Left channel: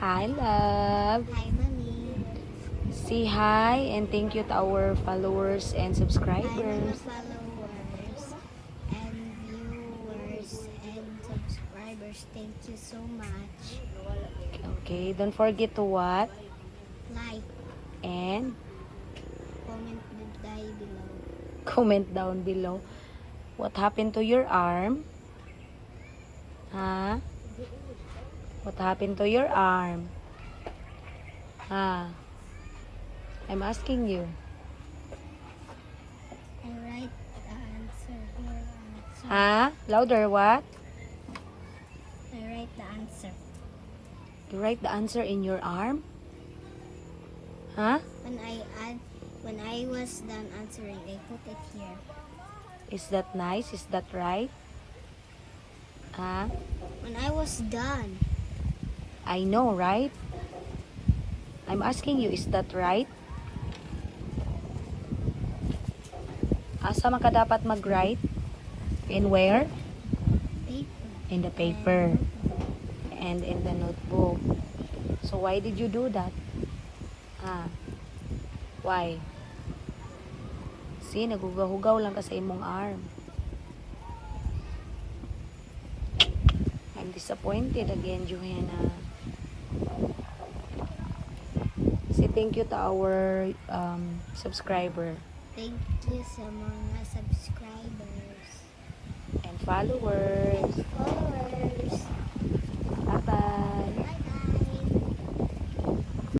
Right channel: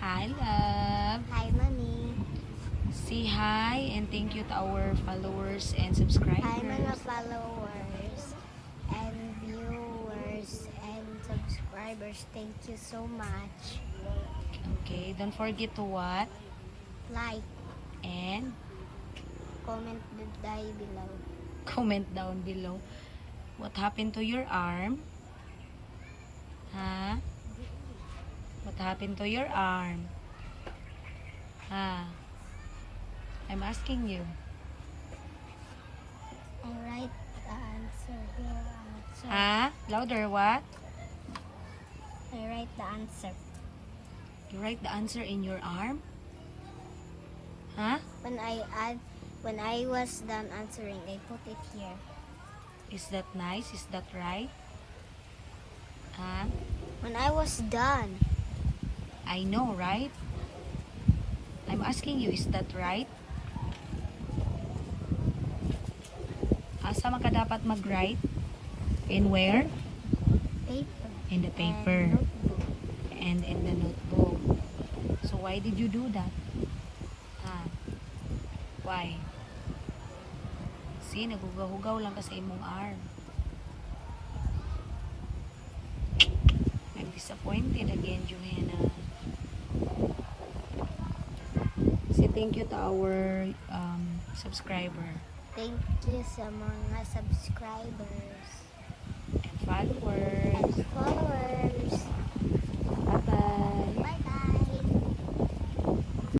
Hi, love. Hi, Mami. Say hi and thank you to our followers and Hi, mga subscribers. followers and viewers and subscribers. Thank you so much. Okay, don't forget to what? Like, And comment down below. comment down below. What happened to your arm? Huh? What happened to your arm? Huh? I'm asking you. I write the answer here. Huh? Louder, what? I write the answer. You write the answer in your arm? Huh? When I was done answering, I put it here. Is that nice? Is that right? Huh? When I was done, I know, right? I'm asking you, is that right? Asa man ka dapat mag-write? And where? paper. In the paper. And notebook. And in the notebook. So why did you do that? Huh? Why? See, nagugahugaw lang ka sa imong arm. I'm disappointed again, Johanna. Say thank you to our subscriber Thank you sa mga subscribers and followers. and followers. Bye-bye.